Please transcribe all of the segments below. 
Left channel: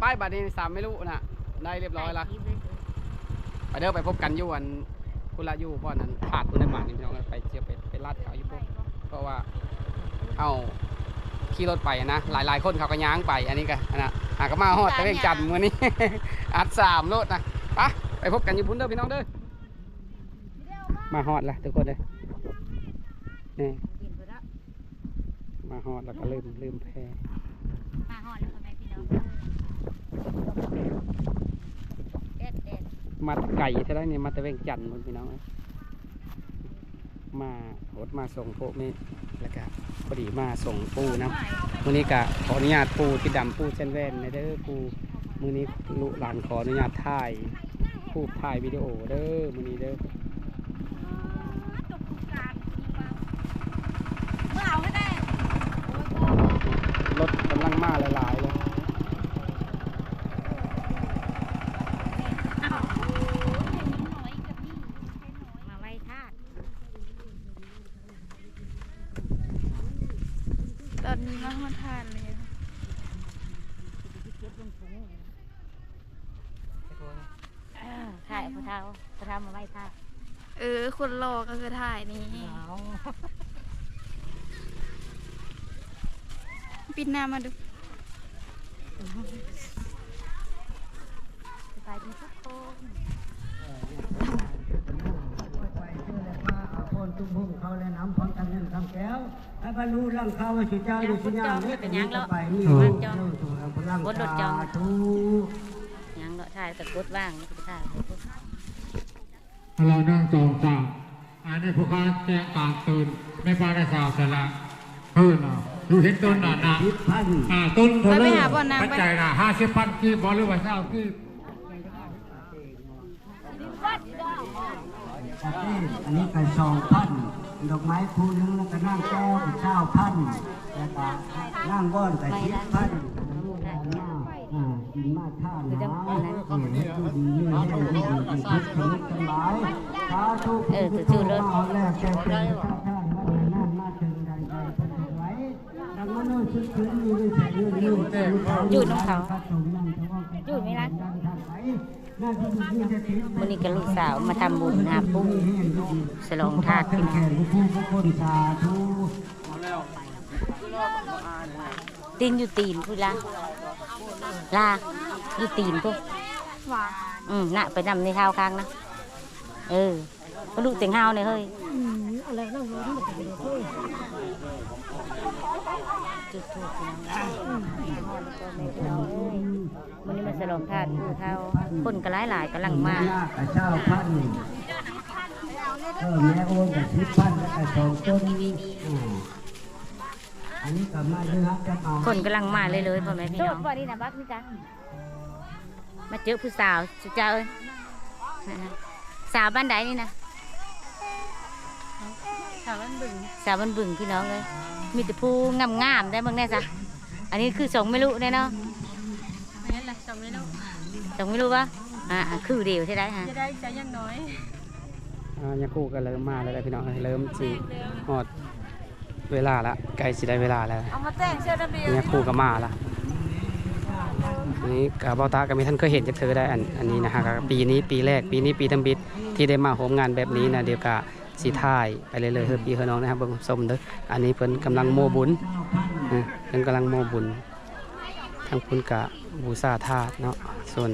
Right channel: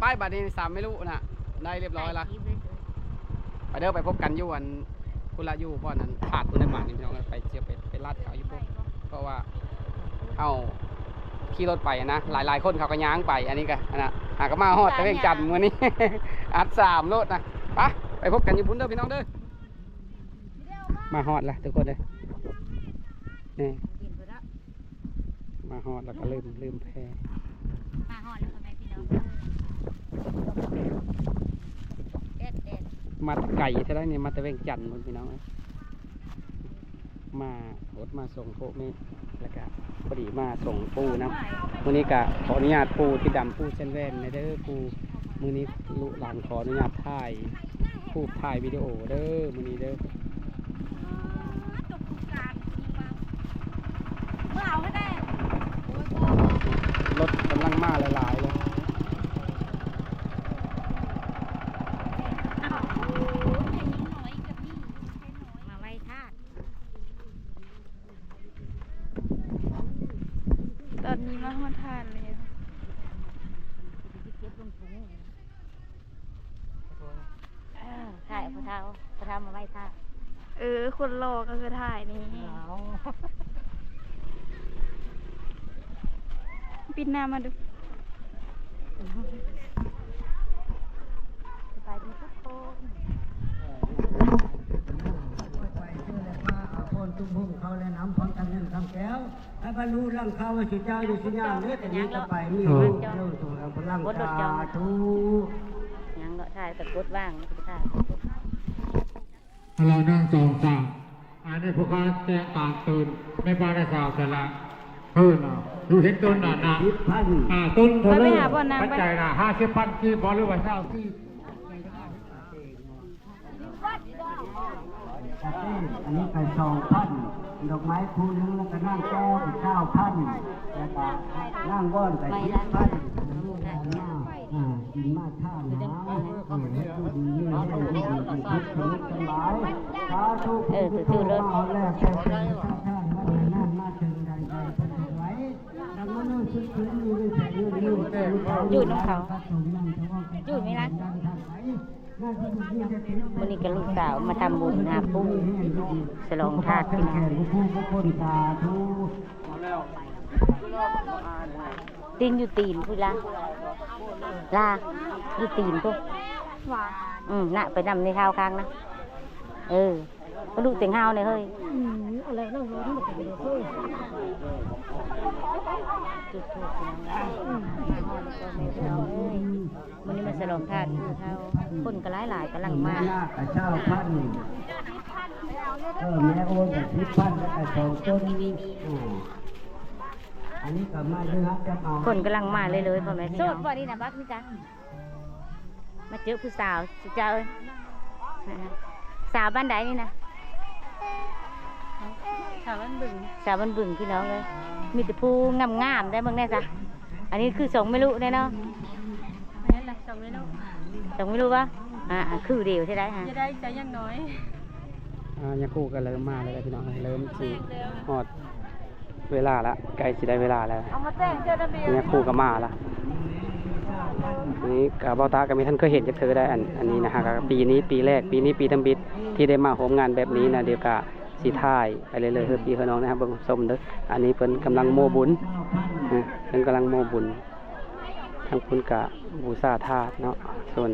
ไปบัดนี้สามไม่รู้นะได้เรียบร้อยละไปเด้อไปพบกันอยู่วันคุณละอยู่เพราะนั้นขาดคุณได้หมานี่พี่น้องไปเจียวไปลาดเขาอยู่พวกเพราะว่าเอาขี่รถไปนะหลายคนเขาก็ย้างไปอันนี้ก็นะหากมาฮอดตะเวงจันทร์มื้อนี้ อัด3รถนะไปพบกันอยู่พุ่นเด้อพี่น้องเด้อมาฮอดละทุกคนเลยนี่มาฮอดแล้วก็ลืมแพมาฮอดแล้วไหมพี่น้องมัดไก่เท่าไรนี่มาตะเวงจันทร์พี่น้องมารถมาส่งพวกนี้แล้วก็พอดีมาส่งปูนะวันนี้ก็ขออนุญาตปูที่ดำปูเส้นแว่นในเด้อปูมื้อนี้ลูกหลานขออนุญาตถ่ายวิดีโอเด้อมื้อนี้เด้อรถกำลังมาหลายๆเลยมาไว้ทาสตอนนี้มาฮอดทานเลยถ่ายพระเท้ามาไว้ทาสคนรอก็คือถ่ายนี้ปิดหน้ามาดูสบายดีทุกคนตุ้มพุ่งเขาและน้ำพร้อมกันเงินคำแก้วให้บรรลุร่างเขาว่าสุดเจ้าอยู่สุญญาเนื้อแต่นี้ต่อไปมีลูกเจ้าสู่พลังชาทุยังก็ถ่ายแต่กดว่างถ่ายเรานั่งจองจ่าอันนี้พวกเขาแจ้งการตื่นไม่ปลาได้สาวแต่ละเพื่อนดูเห็นต้นน่ะนะต้นเท่านั้นปัจจัยน่ะ50,000กีบหรือว่า20,000กีบอันนี้ไก่2,000ดอกไม้คู่นึงแล้วก็นั่งแก้วอีก9,000แล้วก็นั่งว่อนไก่10,000กินมาท่าน้ำดีนี่ให้ดีทุกชนิดทั้งหลายสาธุพุทโธมาแรกแก่เป็นท่านมานั่นมาถึงใดใดเป็นไว้ดังมโนชุดชุดนี้ด้วยแสงยืดหยุดเขาหยุดไหมล่ะวันนี้กับลูกสาวมาทำบุญหาปุ้งฉลองธาตุขึ้นตีนอยู่ตีนพูดละลาอยู่ตีนพวกน่ะไปนำในเท้าค้างนะก็ลูกเต็งเฮาเนี่ยเฮ้ยอะไรนั่งร้อนแบบนี้เฮ้ยจุดทูบวันนี้มาฉลองธาตุคือเท้าคนก็หลายกำลังมาเจ้าพันแม่โอนกับ10,000แล้วก็2ต้นอันนี้ก็มาด้วยครับจะเอาคนกำลังมาเลยพ่อแม่พี่น้องโสดบ่นี่นะบักนี่จ้ะมาเจอผู้สาวสุดเจ้าสาวบ้านใดนี่นะสาวบ้านบึงพี่น้องเลยมีแต่ผู้งามได้บ้างแน่จ้ะอันนี้คือ2ไม่รู้แน่เนาะนี่แหละ2ไม่รู้วะคือเดียวใช่ไหมฮะจะได้ใจยังน้อยยังคู่กันเริ่มมาแล้วพี่น้องเริ่มจีหอดเวลาละใกล้สิได้เวลาแล้วเอามาแต่งเสื้อระเบียงยังคู่กับมาละนี้กับเบาตาก็มีท่านเคยเห็นจากเธอได้อันนี้นะฮะปีนี้ปีแรกปีทำบิดที่ได้มาโฮมงานแบบนี้นะเดี๋ยวกะสีท่ายไปเลยเฮ้ยพี่เฮ้ยน้องนะครับเบิ่งส้มเด้ออันนี้เพิ่นกำลังโมบุญเพิ่นกำลังโมบุญทั้งคุณกะบูชาธาตุเนาะส่วน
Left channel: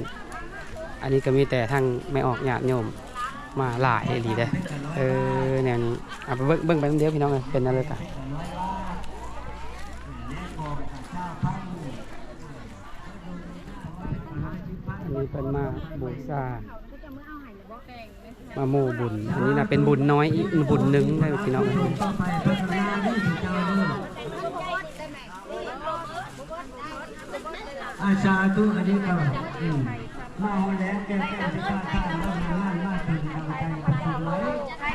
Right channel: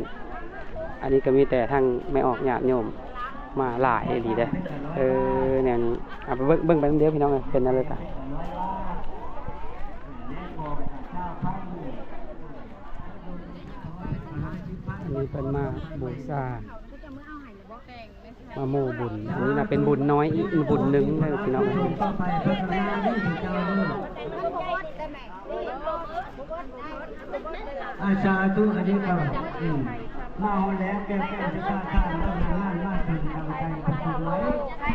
อันนี้ก็มีแต่ทั้งไม่ออกญาติโยมมาหลายดีเด้อแนวนี้เอาไปเบิ่งไปเดียวพี่น้องเลยเป็นอะไรกันนี่เป็นมาบูชามาโมบุญอันนี้นะเป็นบุญน้อยอีกบุญหนึ่งนะพี่น้องอาชาตุอันนี้ก็มาแล้วแก่ที่ข้าข้าแล้วมาถึงดังใจประสงค์ไว้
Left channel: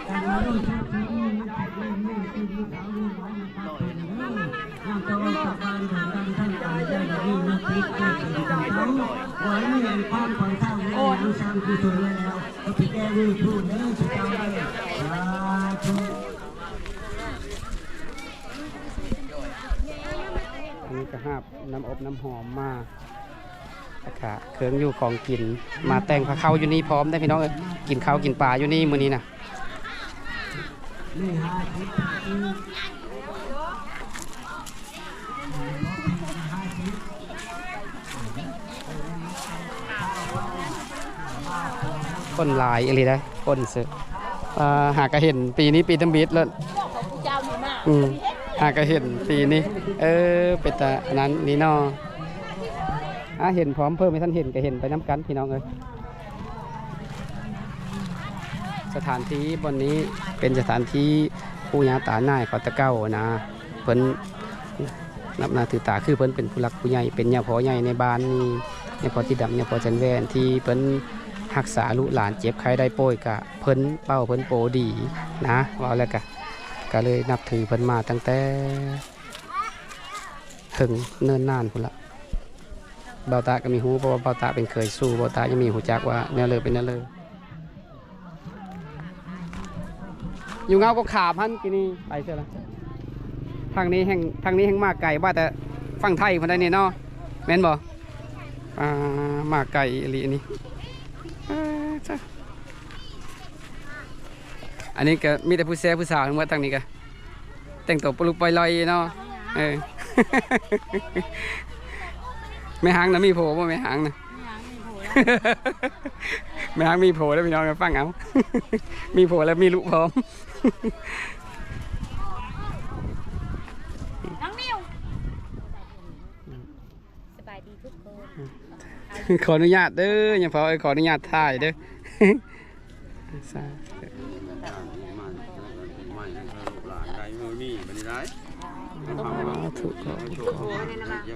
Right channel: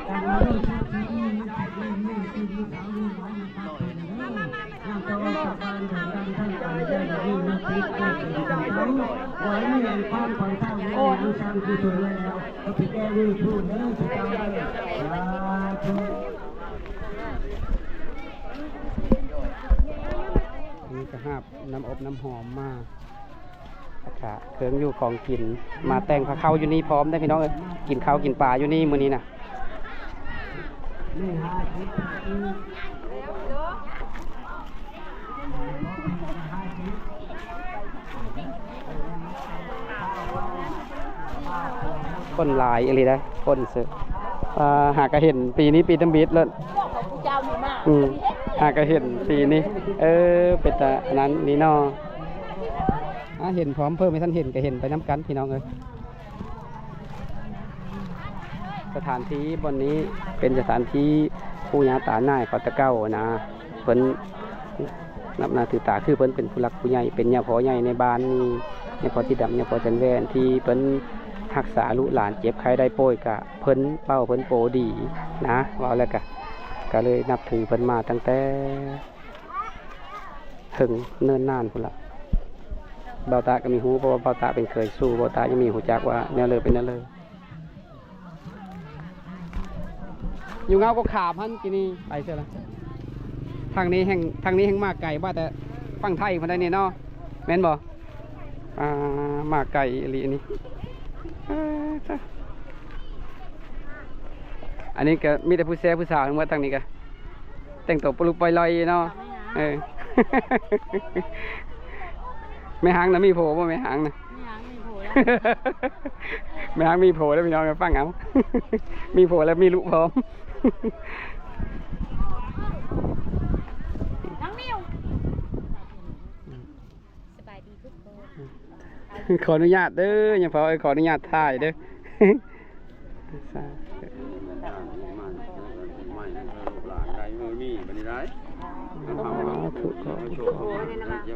แต่เราต้องชุดนี้มันแข็งไม่ตีนเขาลูกไว้นะครับเป็นนี่ยังจะว่าสบายถึงดังท่านใจได้ดีนักพิจารณาจังเขาไว้ไม่เห็นความของท่านโอ้ยสร้างกุศลแล้วก็พิจารณาพูดเนื้อสุดท้ายนี่ก็หาบน้ำอบน้ำหอมมา แล้วก็เครื่องอยู่ของกินมาแต่งพาเข้าอยู่นี่พร้อมได้พี่น้องเอ้ยกินข้าวกินปลาอยู่นี่มื้อนี้นะคนหลายอะไรนะคนเสือหากระเห็นปีนี้ปีตั้มบิดแล้วหากระเห็นปีนี้เป็นแต่นั้นนี่เนาะเห็นพร้อมเพิ่มให้ท่านเห็นก็เห็นไปน้ำกันพี่น้องเอ้ยสถานที่บนนี้เป็นสถานที่ผู้ยาตาหน้าเขาตะเก้านะเพิ่นนับนาถือตาคือเพิ่นเป็นผู้หลักผู้ใหญ่เป็นญาพ่อใหญ่ในบ้านนี่ญาพ่อที่ดำญาพ่อจันแวนที่เพิ่นรักษาลูกหลานเจ็บใครได้ป่วยกะเพิ่นเป้าเพิ่นโปดีนะว่าแล้วก็เลยนับถือเพิ่นมาตั้งแต่ถึงเนิ่นนานพุ่นละเบาตาก็มีหูเพราะว่าเบาตาเป็นเคยสู้เบาตายังมีหูจักว่าแนวเลยเป็นแนวเลยอยู่เงาก็ขาพันกินี่ไปเสียละทางนี้แห่งมากไก่บ้าแต่ฟังไทยมาได้นี่เนาะแม่นบ่มากไก่อะไรอันนี้อันนี้ก็มีแต่ผู้แซ่ผู้สาวทั้งหมดทางนี้ก็แต่งตัวปลุกไปลอยเนาะไม่หางนะมีโผล่ป่ะไม่หางนะไม่หางมีโผล่แล้วพี่น้องฟังเอามีโผล่แล้วมีลูกพร้อมน้องนิวสบายดีทุกคน ขออนุญาตเด้อยังพอขออนุญาตถ่ายเด้อ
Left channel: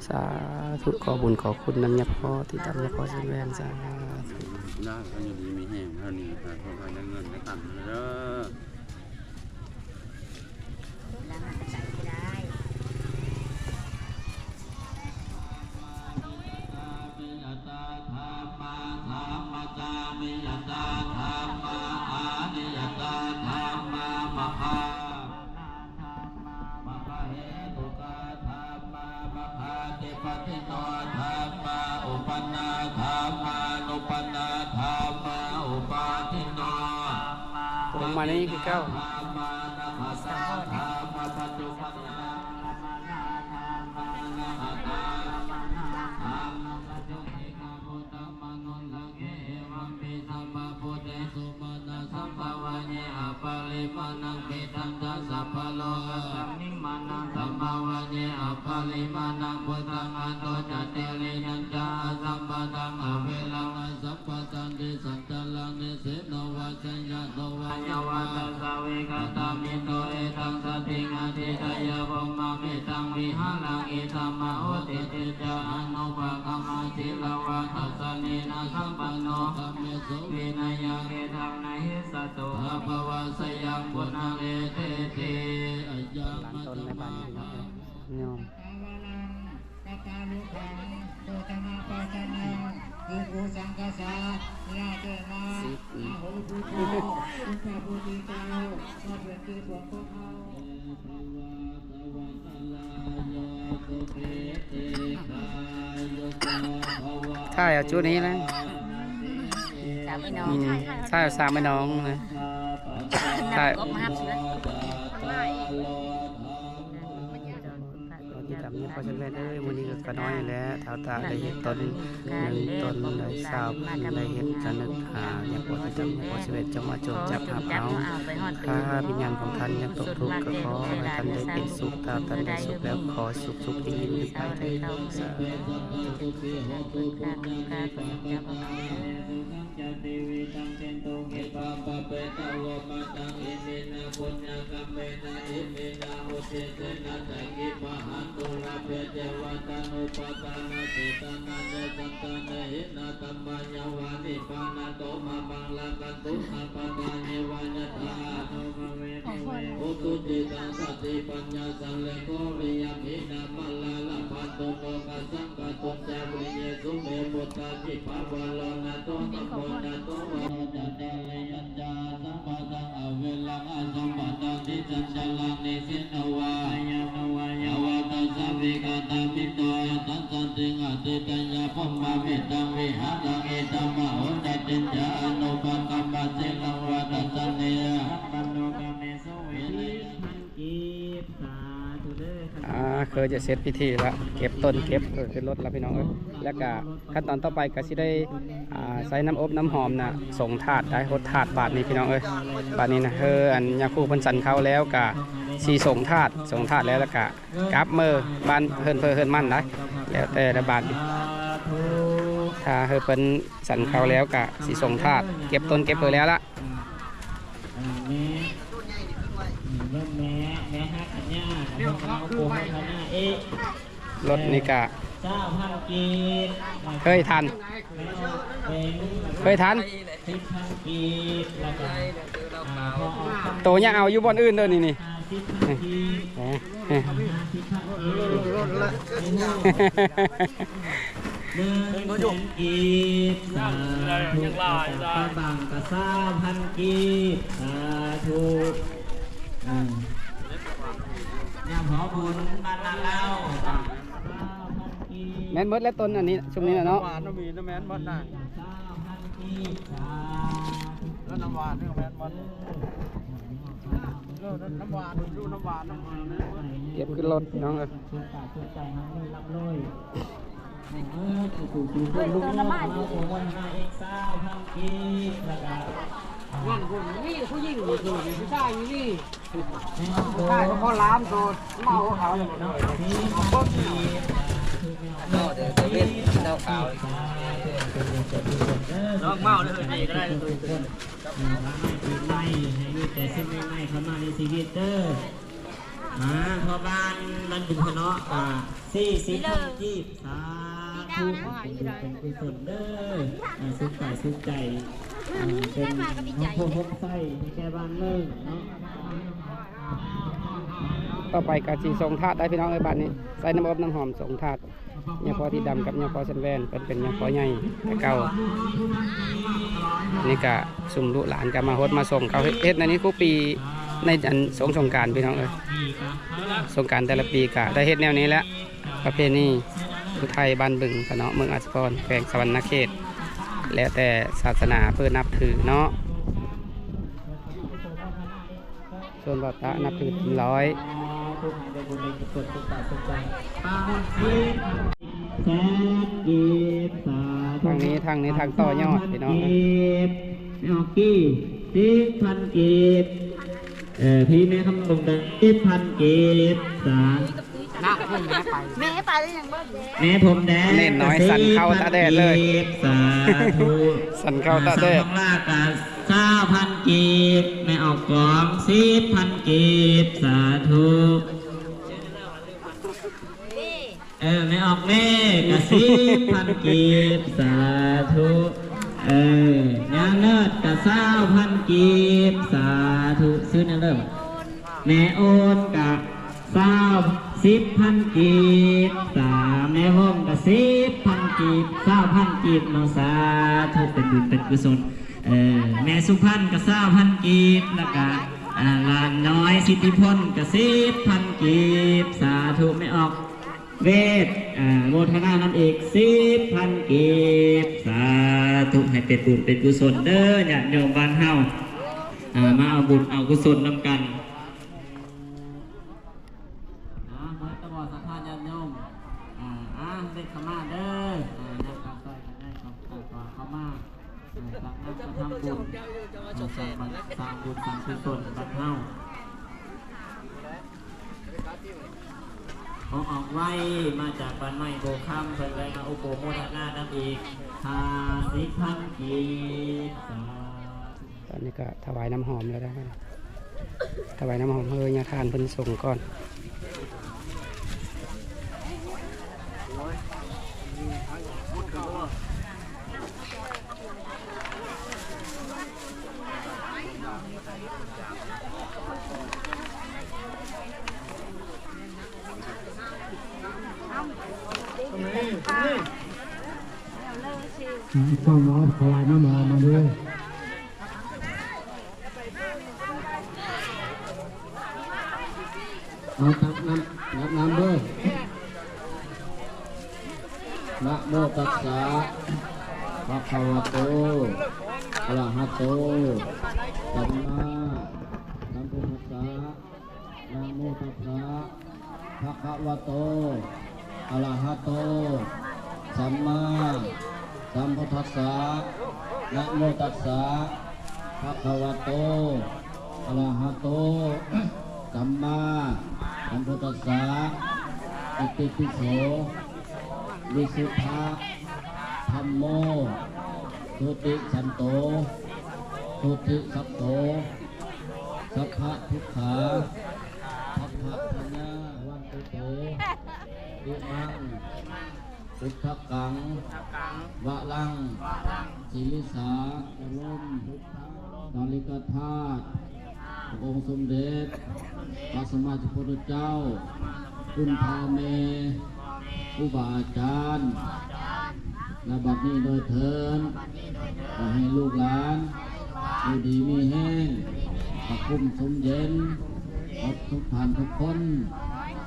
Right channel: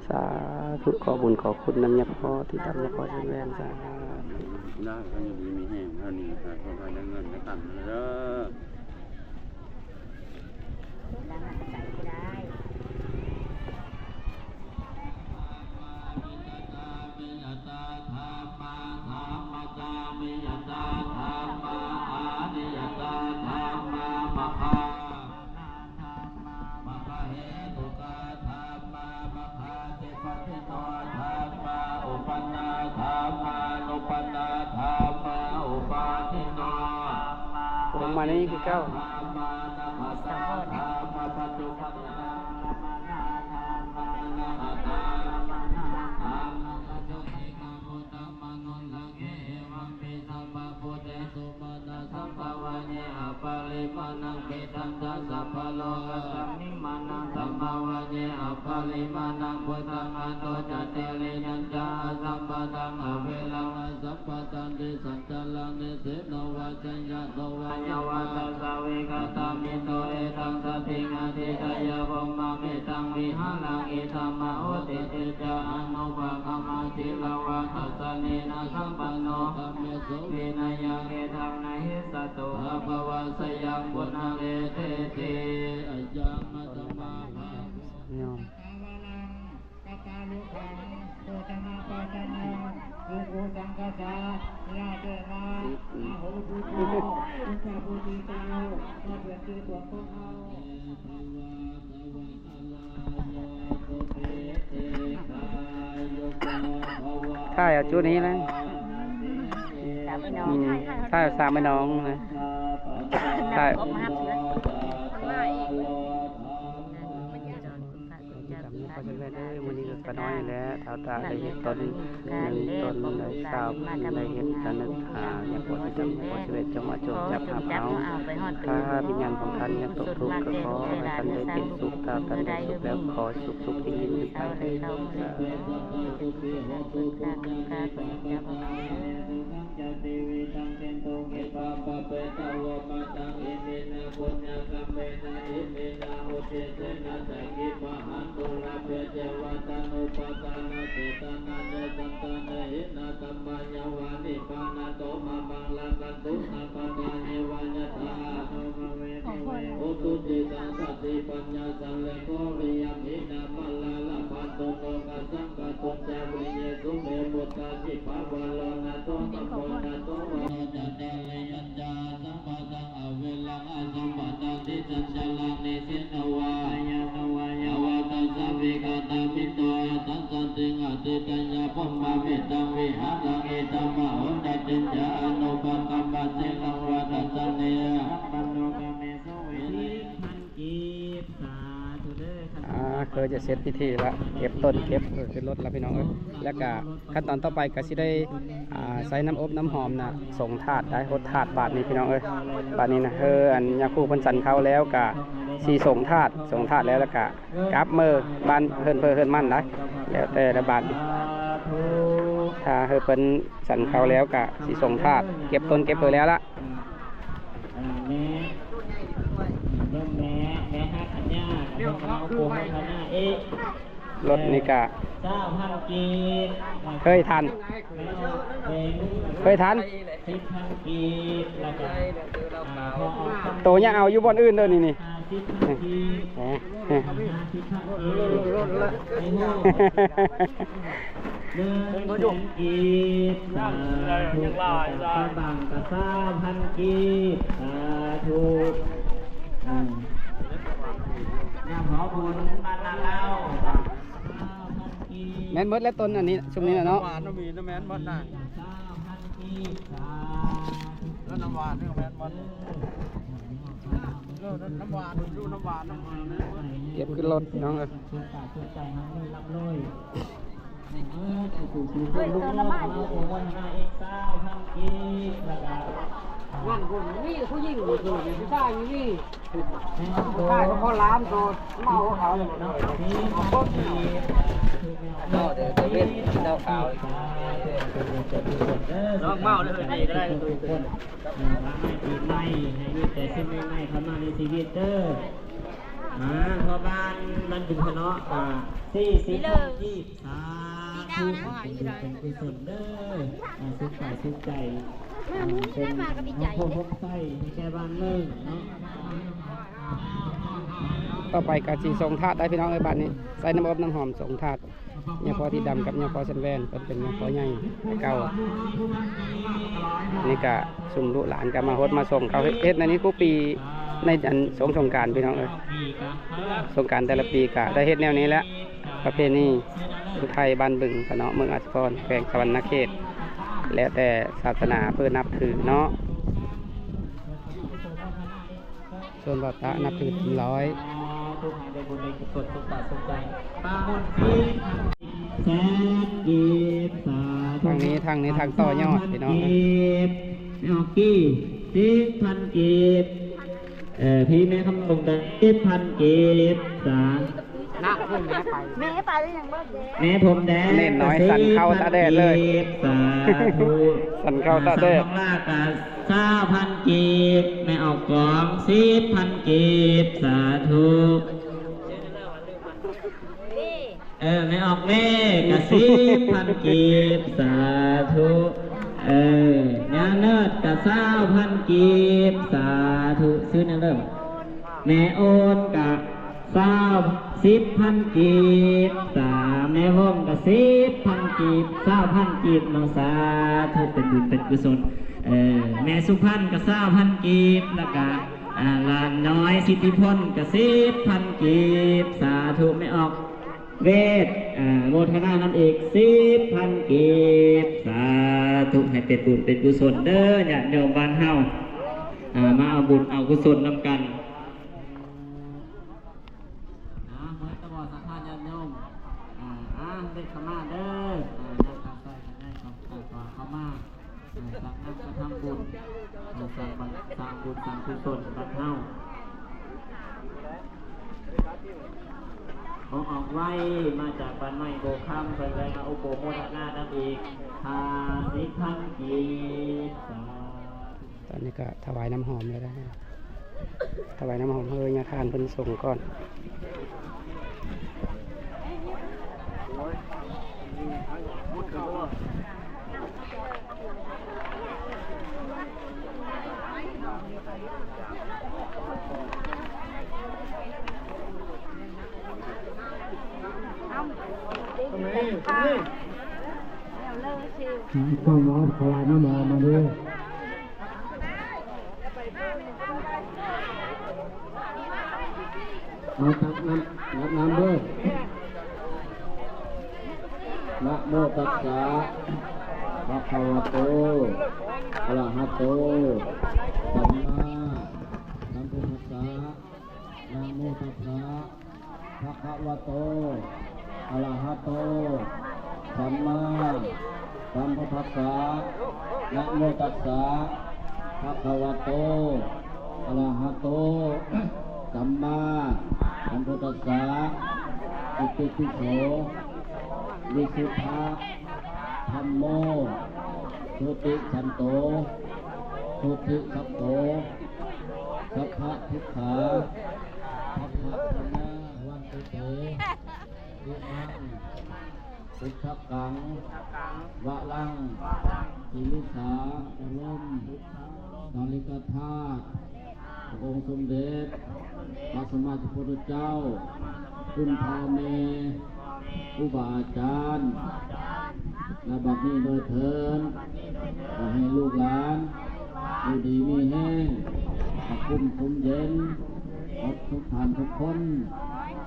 สาธุขอบุญขอคุณน้ำยาพ่อที่ทำยาพ่อเส้นแวนสาธุได้ก็อยู่ดีมีแห้งเท่านี้แต่คนไทยได้เงินได้กันเด้อผมมานี่คือเก้าใช่เอาจุดนี้เลยใช่สามไม่น้องเลยใช่พอจะเล่นได้วันนี้ก็น้อยแล้วเท่าตาได้เห็นต้นหนึ่งต้นได้สาวได้เห็นจะนึกอย่างพอจะจำพอชีวิตจะมาจดจับหาเอาถ้าวิญญาณของท่านยังตกทุกข์ก็ขอให้ท่านได้เป็นสุขถ้าท่านได้สุขแล้วขอสุขยิ่งยิ่งไปเถิดสาธุ มาเวตังวิหารังเอตัมมะโหตัดติจานุปกัมปะเสลังวัตสันเนยะปันโนกาเมสุเวทิพันกีสาธุเด้อ เคยจะเสร็จพิธีแล้วเก็บต้นเก็บขึ้นรถแล้วพี่น้องเอ้ยแล้วก็ขั้นตอนต่อไปก็สิได้ใส่น้ำอบน้ำหอมนะส่งถาดได้หดถาดบาทนี้พี่น้องเอ้ยบาทนี้นะอันยาคูเพิ่นสันเข้าแล้วก็สีส่งถาดแล้วก็กลับมือบ้านเฮินมั่นได้แล้วแต่ละบาทถ้าเพิ่นสันเข้าแล้วก็สีส่งถาดเก็บต้นเก็บเพิ่นแล้วละรถนี่ก็เคยทันโตยังเอาอยู่บนอื่นเด้อนี่กีบสาธุปะบังกะ3,000กีบสาธุยามหอบุญบ้านนาเราแม่นเบิดแล้วต้นอันนี้ช่วงนี้เนาะหวานน้ำมีน้ำแม่นหมดน่ะแล้วน้ำหวานนี่แม่นหมดน้ำหวานดูน้ำหวานเก็บขึ้นรถน้องเลยงานคนนี่ผู้หญิงนี่คือผู้ชายนี่ผู้ชายเขาล้ามโดนเมาเขาเลยเนาะก็เดี๋ยวจะเป็นเจ้าขาวน้องเมาเลยนี่ก็ได้ทุกคนปีใหม่ให้มีแต่สิ่งใหม่ๆเข้ามาในชีวิตเด้อพอบ้านมันเป็นเนาะ40กีบสาธุเป็นกุศลเด้อสุขกายสุขใจเป็นพบไส้ในแก่บ้านเมืองเนาะต่อไปกะสีส่งถาดได้พี่น้องเอ้ยบ้านนี้ใส่น้ำอบน้ำหอมส่งถาดยาพอที่ดำกับยาพอสันแวนเป็นยาพอใหญ่เก่านี่กะสุ่มลูกหลานกันมาฮดมาส่งเขาเฮ็ดในนี้คู่ปีในอันสงกรานต์พี่น้องเอ้ยสงกรานต์แต่ละปีกะได้เฮ็ดแนวนี้แล้วประเพณีอุทัยบ้านบึงเนาะเมืองอัศพรแขวงสวรรณเขตแล้วแต่ศาสนาเพื่อนับถือเนาะส่วนบัตตะนับถือถึง100ทางนี้ทางต่อยอดพี่น้องกี่10,000กีบพี่แม่คำลงได้10,000กีบสาแม่ไปได้ยังบ้างแม่ผมแดง เล่นน้อยสั่นเข้าตาแดดเลยสาธุสั่นเข้าตาแดดลากา9,000กีบแม่ออกกอง10,000กีบสาธุไม่ออกแม่กะ10,000กีบสาธุงานเนิดกะ20,000กีบสาธุซื้อนั่นเริ่มแม่โอนกะ10,000กีบแม่วงกะ10,000กีบ20,000กีบน้องสาธุเป็นบุญเป็นกุศลแม่สุพรรณกะ20,000กีบแล้วก็ลานน้อยสิทธิพลกะ10,000กีบสาธุไม่ออกเวทโมทนานั่นเอก10,000กีบสาธุให้เป็นบุญเป็นกุศลเด้อญาติโยมบ้านเฮามาเอาบุญเอากุศลนำกันเมื่อตะบอสัทธาญาติโยมเด็กขมาเด้อนักการใส่กันได้เข้ามาสักนักกระทำบุญสร้างบุญสร้างกุศลบ้านเฮาออกไว้มาจากบ้านไม้โบคำเพิ่นเลยมาอุปโภคนาดังอีก50,000กีบตอนนี้ก็ถวายน้ำหอมแล้วนะถวายน้ำหอมเฮยาทานเพิ่นส่งก่อนต้องร้อนถวายน้ำหอมมาด้วยเอาตักน้ำด้วยนะโม โมตัสสะภะคะวะโตอะระหะโตสัมมาสัมพุทธัสสะนะโมตัสสะภะคะวะโตอะระหะโตสัมมาสัมพุทธัสสะนะโมตัสสะภะคะวะโตอะระหะโตสัมมาสัมพุทธัสสะอิติปิโสวิสุทธะธัมโมทุติสันโตทุติสัพโตสัพพะทุกขาสัพพะธนาวันตุเตอิมังพุทธกังวะลังศิลิสาจรมตาลิกธาตุองค์สมเด็จพระสัมมาสัมพุทธเจ้าคุณพ่อแม่ครูบาอาจารย์และบัดนี้โดยเถิดขอให้ลูกหลานอยู่ดีมีแห้งขอบคุณสมเย็นขอบทุกท่านทุกคน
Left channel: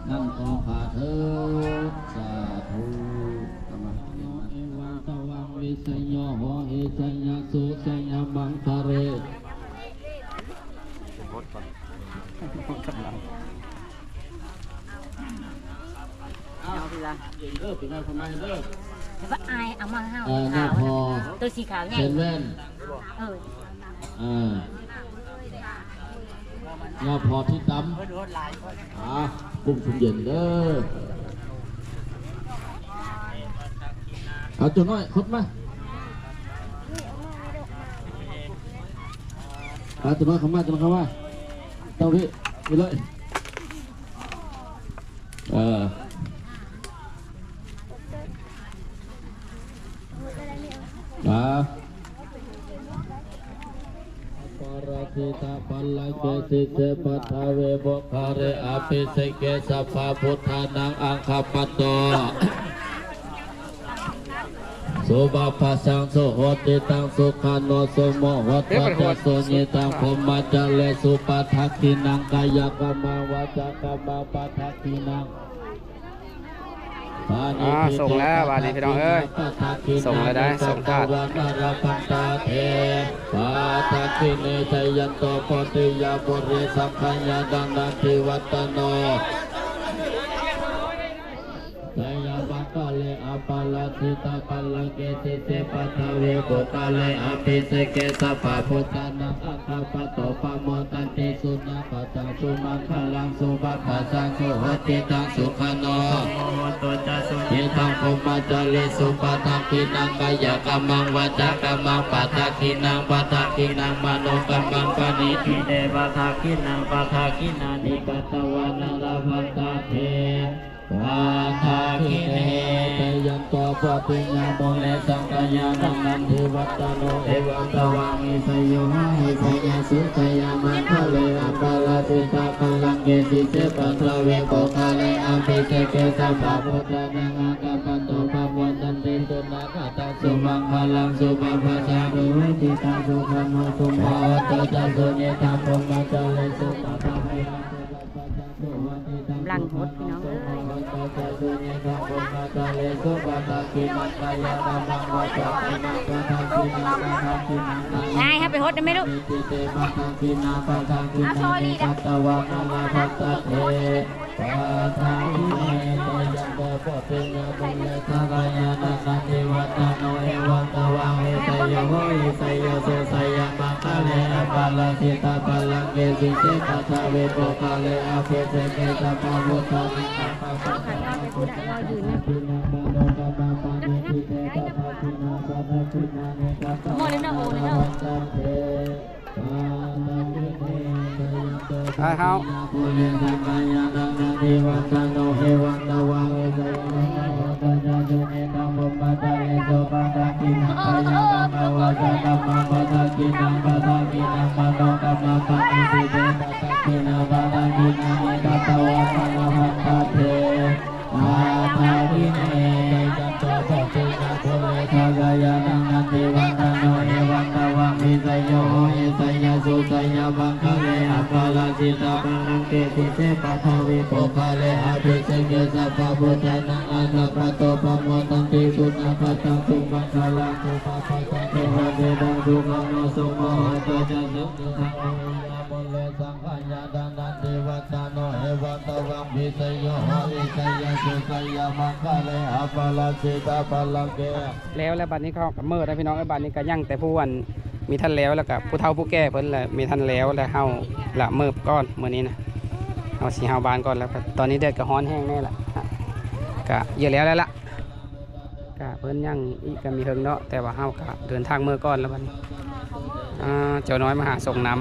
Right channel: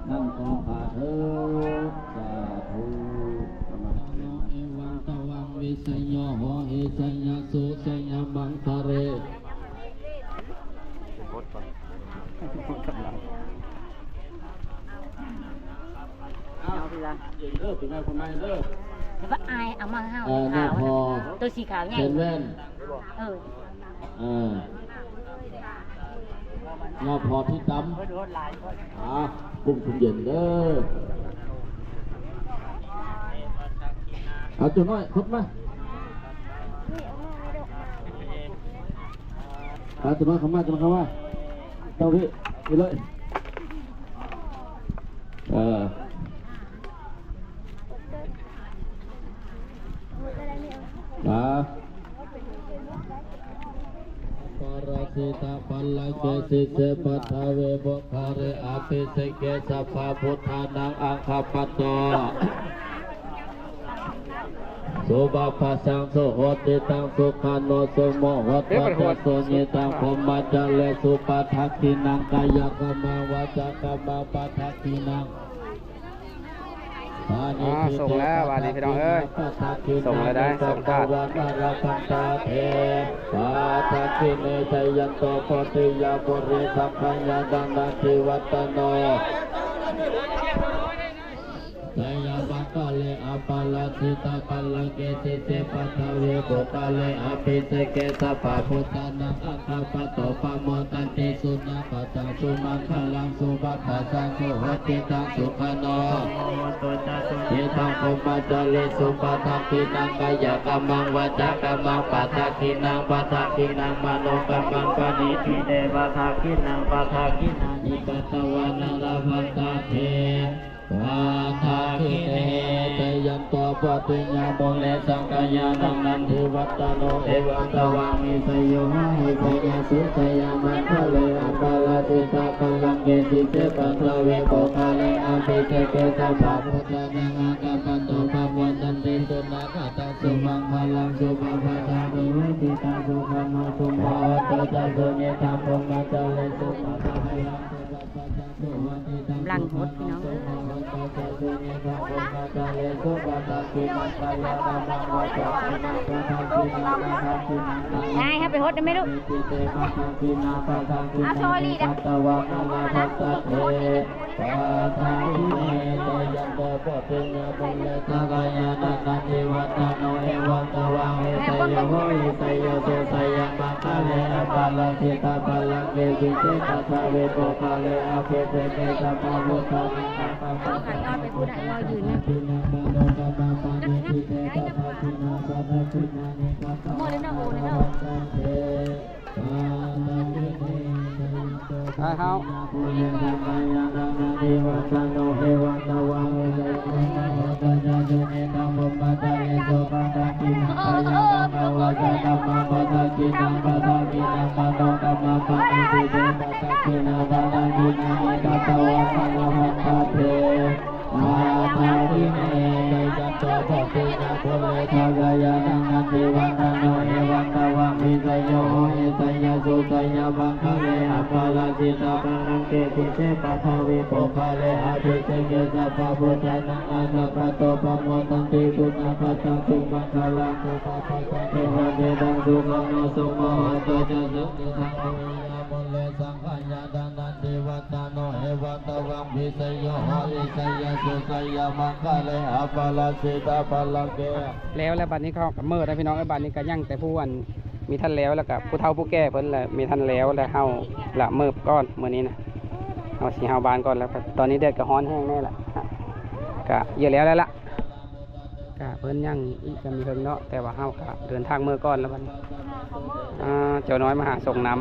นั่งต่อขาเถิดสาธุโนเอวังตวังวิสัยโยโหเอสัยยสุสัยยมังคะเรเอาทีละ เด้อเป็นไงคนใหม่เด้อ แต่ว่าอายเอามาห้าว หน้าพอ ตัวสีขาวใหญ่ เชนแว่น หน้าพอที่ดำกุ้งสุนเย็นเด้อเอาจุดน้อยคดมาเอาจุดน้อยเข้ามาจุดน้อยเข้ามาเต้าพี่ไปเลยปาราสิตาปัลลังเกสิเสปัทาเวบคาเรอาภิเสเกสัพพะพุทธานังอังคปัตโตสุบาภาสังสุโหติตังสุขาโนสุโมโหตัสสุญิตังพมมัจจเลสุปัฏฐกินังกายกรรมวาจากรรมปัฏฐกินังส่งแล้ววันนี้พี่น้องเอ้ยส่งแล้วได้ส่งทาด วันราพันตาเทปาทักิเนชยันโตปติยาปุริสัพพยาดังนาทิวัตโนไตยาบังกะเลอาปาลาสิตาปัลลังเกสิเสปัทเวโกกะเลอาภิเสเกสัพพะพุทธานังอัคคปัตโตปะโมตันติสุนาปัจจังสุมังคลังสุบัพพะสังสุโหติตังสุขโนเยตังพมมัจจเลสุปัฏฐกินังกายกรรมังวาจากรรมังปัฏฐกินังปัฏฐกินังมโนกรรมังปณิทิเดวะทักขินังปัฏฐกินานิกัตตวานังลาภันตาเทวาทาคิเนเตยันโตปติญญาโมเลสังกายานังนันทิวัตโนเอวังตวังมิสโยหะหิสยาสุสยามันทะเลอัปปาลาสิตาปัลลังเกสิเสปัทเวโกคาเลอาภิเสเกสัพพะพุทธานังอัคคปัตโตปะโมตันติสุนาคตังสุมังคลังสุปัพพะชามิวิติตังสุขโนสุโมโตจัสสุเนตังพมมัจจเลสุปัฏฐยังสุปัพพะจังสุวัติตัง ลังหดพี่น้องเอ้ยนายให้ไปหดได้ไหมลูกเอาโชว์ลีดขันนอนไปพูดได้รอยืนนะโมเลยนะโอเลยนะเฮาพุทธานังอัคคปัตโตปะโมตันติสุนาค กาลังโตปะปะปะเทวะเดดังสุขังโนสุโมโตจะสุขิขังอริยมลเลสังขายาดันดันเทวตาโนเอวัตวังพิสโยหริสยสุขยามังคะเลอปะลาสิตาปะลังเก แล้วบัดนี้เขากับเมื่อนะพี่น้องไอ้บัดนี้ก็ยั่งแต่ผู้วันมีท่านแล้วแล้วก็ผู้เฒ่าผู้แก่เพิ่นแหละมีท่านแล้วแล้วเฮาละเมิบก้อนมื้อนี้นะเอาสิเฮาบานก่อนแล้วครับตอนนี้แดดก็ร้อนแห้งแน่ละก็เยอะแล้วล่ะก็เพิ่นยังอีกก็มีเฮิงเนาะแต่ว่าเฮาก็เดินทางเมื่อก่อนแล้วบัดนี้เจ้าน้อยมาหาส่งน้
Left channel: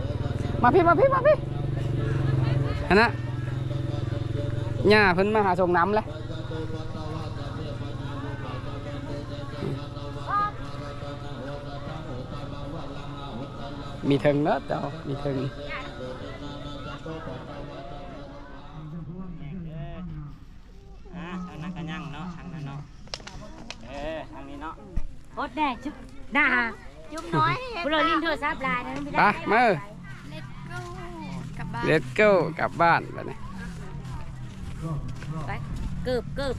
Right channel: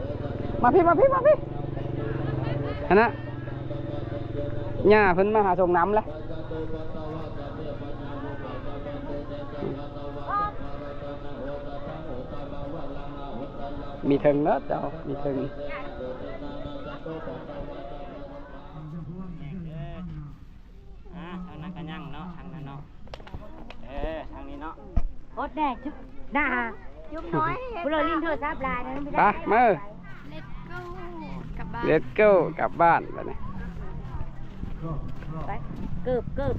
ำมาพี่อันนะย่าเพิ่นมาหาส่งน้ำแล้วมีถึงเนอะเจ้ามีถึงทางนั้นก็ยั่งเนาะทางนั้นเนาะทางนี้เนาะ อดแน่จุ๊บหน้า ยุบน้อย พวกเราลิ้นโทรศัพท์ลายนะไม่ ไป ได้ มา Let's go กลับบ้าน Let's go กลับบ้านไปเลย ไปเกือบ